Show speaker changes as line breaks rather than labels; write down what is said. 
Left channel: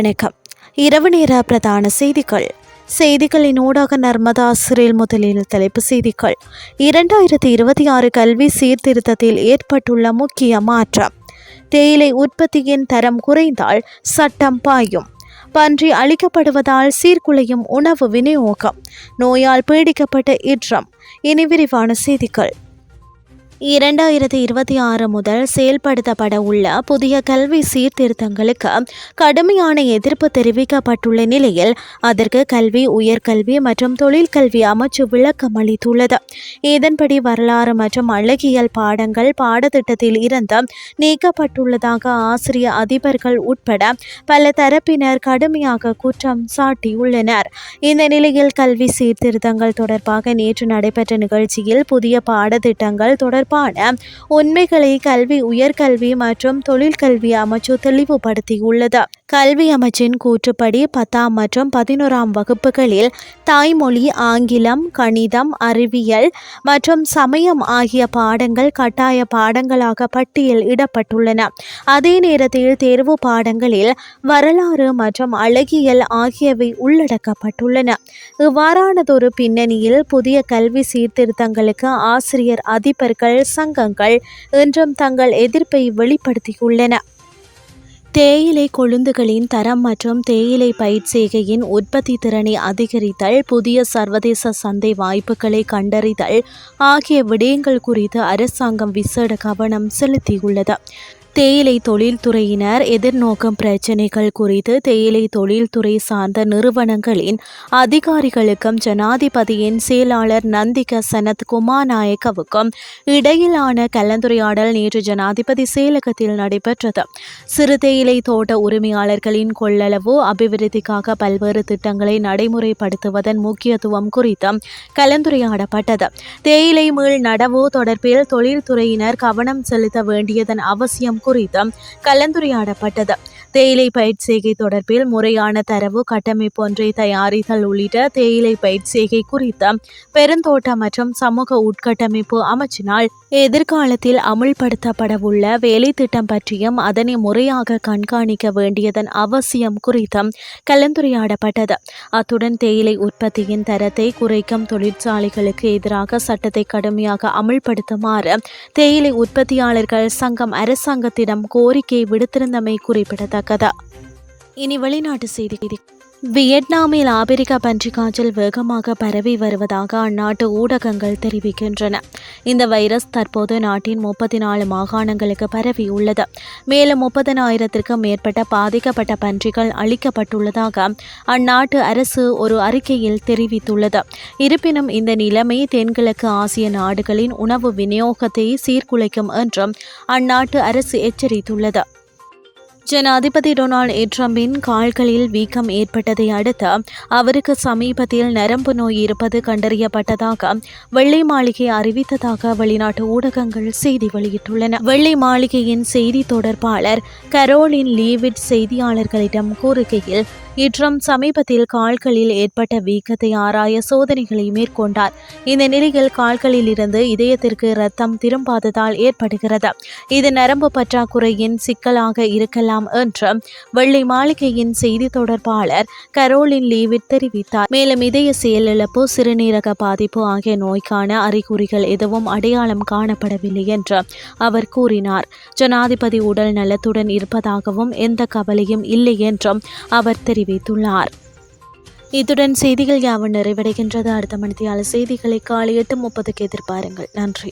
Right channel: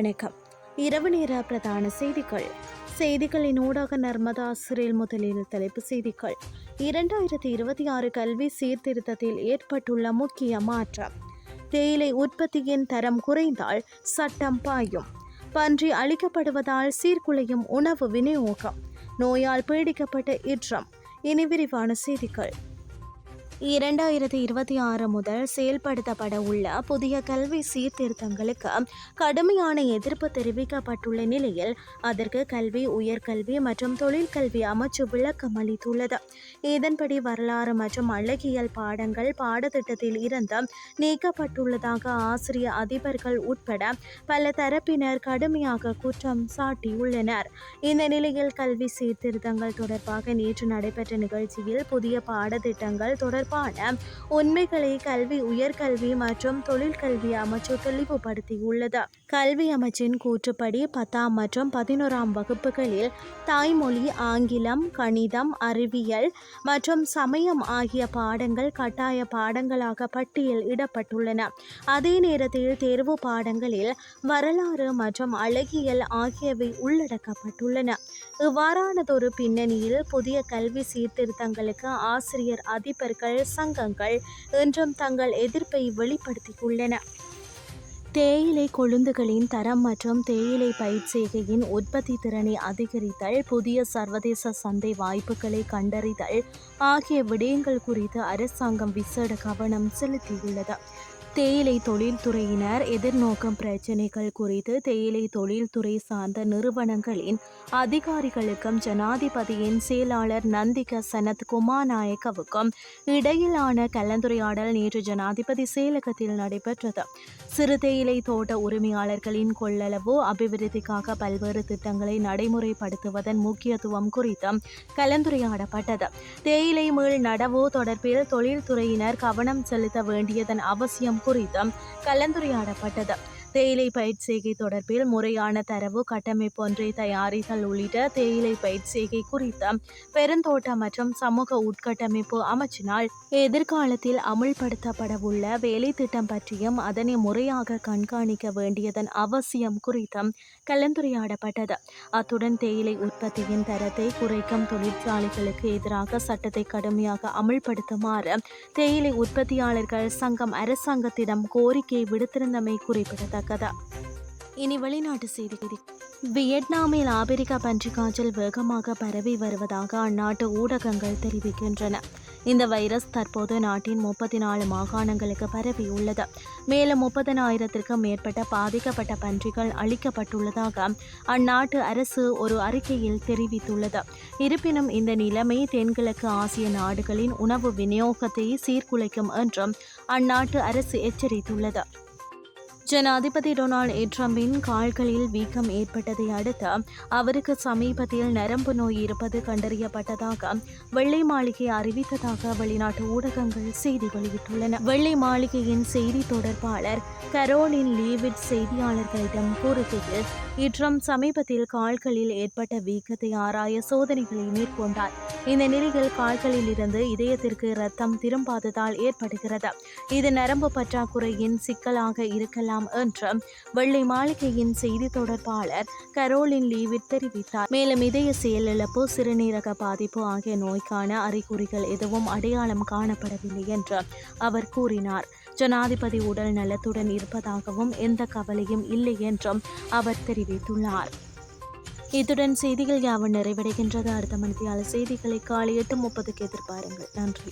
வணக்கம். இரவு நேர பிரதான செய்திகள். செய்திகளின் ஊடாக நர்மதா ஆசிரியர் முதலில் தலைப்பு செய்திகள். இரண்டாயிரத்தி இருபத்தி ஆறு கல்வி சீர்திருத்தத்தில் ஏற்பட்டுள்ள முக்கிய மாற்றம். தேயிலை உற்பத்தியின் தரம் குறைந்தால் சட்டம் பாயும். பன்றி அழிக்கப்படுவதால் சீர்குலையும் உணவு விநியோகம். நோயால் பீடிக்கப்பட்ட இற்றம் இனி விரிவான செய்திகள். இரண்டாயிரத்தி இருபத்தி ஆறு முதல் செயல்படுத்தப்பட உள்ள புதிய கல்வி சீர்திருத்தங்களுக்கு கடுமையான எதிர்ப்பு தெரிவிக்கப்பட்டுள்ள நிலையில் அதற்கு கல்வி உயர்கல்வி மற்றும் தொழிற்கல்வி அமைச்சு விளக்கம் அளித்துள்ளது. இதன்படி வரலாறு மற்றும் அழகியல் பாடங்கள் பாடத்திட்டத்தில் இருந்து நீக்கப்பட்டுள்ளதாக ஆசிரிய அதிபர்கள் உட்பட பல தரப்பினர் கடுமையாக குற்றம் சாட்டியுள்ளனர். இந்த நிலையில் கல்வி சீர்திருத்தங்கள் தொடர்பாக நேற்று நடைபெற்ற நிகழ்ச்சியில் புதிய பாடத்திட்டங்கள் தொடர்பான உண்மைகளை கல்வி உயர்கல்வி மற்றும் தொழிற்கல்வி அமைச்சு தெளிவுபடுத்தியுள்ளது. கல்வி அமைச்சின் கூற்றுப்படி பத்தாம் மற்றும் பதினோராம் வகுப்புகளில் தாய்மொழி ஆங்கிலம் கணிதம் அறிவியல் மற்றும் சமயம் ஆகிய பாடங்கள் கட்டாய பாடங்களாக பட்டியல் இடப்பட்டுள்ளன. அதே நேரத்தில் தேர்வு பாடங்களில் வரலாறு மற்றும் அழகியல் ஆகியவை உள்ளடக்கப்பட்டுள்ளன. இவ்வாறானதொரு பின்னணியில் புதிய கல்வி சீர்திருத்தங்களுக்கு ஆசிரியர் அதிபர்கள் சங்கங்கள் இன்றும் தங்கள் எதிர்ப்பை வெளிப்படுத்தியுள்ளன. தேயிலை கொழுந்துகளின் தரம் மற்றும் தேயிலை பயிர் செய்கையின் உற்பத்தி திறனை அதிகரித்தல் புதிய சர்வதேச சந்தை வாய்ப்புகளை கண்டறிதல் ஆகிய விடயங்கள் குறித்து அரசாங்கம் விசேட கவனம் செலுத்தியுள்ளது. தேயிலை தொழில்துறையினர் எதிர்நோக்கும் பிரச்சினைகள் குறித்து தேயிலை தொழில்துறை சார்ந்த நிறுவனங்களின் அதிகாரிகளுக்கும் ஜனாதிபதியின் செயலாளர் நந்திக சனத் குமாநாயக்கவுக்கும் இடையிலான கலந்துரையாடல் நேற்று ஜனாதிபதி செயலகத்தில் நடைபெற்றது. சிறு தேயிலை தோட்ட உரிமையாளர்களின் கொள்ளளவு அபிவிருத்திக்காக பல்வேறு திட்டங்களை நடைமுறைப்படுத்துவதன் முக்கியத்துவம் குறித்தும் கலந்துரையாடப்பட்டது. தேயிலை மீள் நடவு தொடர்பில் தொழில்துறையினர் கவனம் செலுத்த வேண்டியதன் அவசியம் குறித்து கலந்துரையாடப்பட்டது. தேயிலை பயிர்ச்செய்கை தொடர்பில் முறையான தரவு கட்டமைப்பு ஒன்றை தயாரித்தல் உள்ளிட்ட தேயிலை பயிர்ச்செய்கை குறித்த பெருந்தோட்ட மற்றும் சமூக உட்கட்டமைப்பு அமைச்சினால் எதிர்காலத்தில் அமுல்படுத்தப்படவுள்ள வேலை திட்டம் பற்றியும் அதனை முறையாக கண்காணிக்க வேண்டியதன் அவசியம் குறித்தும் கலந்துரையாடப்பட்டது. அத்துடன் தேயிலை உற்பத்தியின் தரத்தை குறைக்கும் தொழிற்சாலைகளுக்கு எதிராக சட்டத்தை கடுமையாக அமுல்படுத்துமாறு தேயிலை உற்பத்தியாளர்கள் சங்கம் அரசாங்கத்திடம் கோரிக்கை விடுத்திருந்தமை குறிப்பிடத்தக்கது. இனி வெளிநாட்டு செய்தி. வியட்நாமில் ஆபிரிக்க பன்றி காய்ச்சல் வேகமாக பரவி வருவதாக அந்நாட்டு ஊடகங்கள் தெரிவிக்கின்றன. இந்த வைரஸ் தற்போது நாட்டின் முப்பத்தி நாலு மாகாணங்களுக்கு பரவியுள்ளது மேலும் முப்பதனாயிரத்திற்கும் மேற்பட்ட பாதிக்கப்பட்ட பன்றிகள் அளிக்கப்பட்டுள்ளதாக அந்நாட்டு அரசு ஒரு அறிக்கையில் தெரிவித்துள்ளது. இருப்பினும் இந்த நிலைமை தென்கிழக்கு ஆசிய நாடுகளின் உணவு விநியோகத்தை சீர்குலைக்கும் என்றும் அந்நாட்டு அரசு எச்சரித்துள்ளது. ஜனாதிபதி டொனால்ட் ட்ரம்பின் கால்களில் வீக்கம் ஏற்பட்டதை அடுத்து அவருக்கு சமீபத்தில் நரம்பு நோய் இருப்பது கண்டறியப்பட்டதாக வெள்ளை மாளிகை அறிவித்ததாக வெளிநாட்டு ஊடகங்கள் செய்தி வெளியிட்டுள்ளன. வெள்ளை மாளிகையின் செய்தி தொடர்பாளர் கரோலின் லீவிட் செய்தியாளர்களிடம் கூறுகையில் இட்ரம் சமீபத்தில் கால்களில் ஏற்பட்ட வீக்கத்தை ஆராய சோதனைகளை மேற்கொண்டார். இந்த நிலையில் கால்களில் இருந்து இதயத்திற்கு ரத்தம் திரும்பாததால் ஏற்படுகிறது. இது நரம்பு பற்றாக்குறையின் சிக்கலாக இருக்கலாம் என்று வெள்ளை மாளிகையின் செய்தி தொடர்பாளர் கரோலின் லீவிட் தெரிவித்தார். மேலும் இதய செயலிழப்பு சிறுநீரக பாதிப்பு ஆகிய நோய்க்கான அறிகுறிகள் எதுவும் அடையாளம் காணப்படவில்லை என்று அவர் கூறினார். ஜனாதிபதி உடல் நலத்துடன் இருப்பதாகவும் எந்த கவலையும் இல்லை என்றும் அவர் தெரிவித்துள்ளார். இத்துடன் செய்திகள் யாவும் நிறைவடைகின்றது. அடுத்த மணித்தியால செய்திகளை காலை எட்டு முப்பதுக்கு எதிர்பாருங்கள். நன்றி.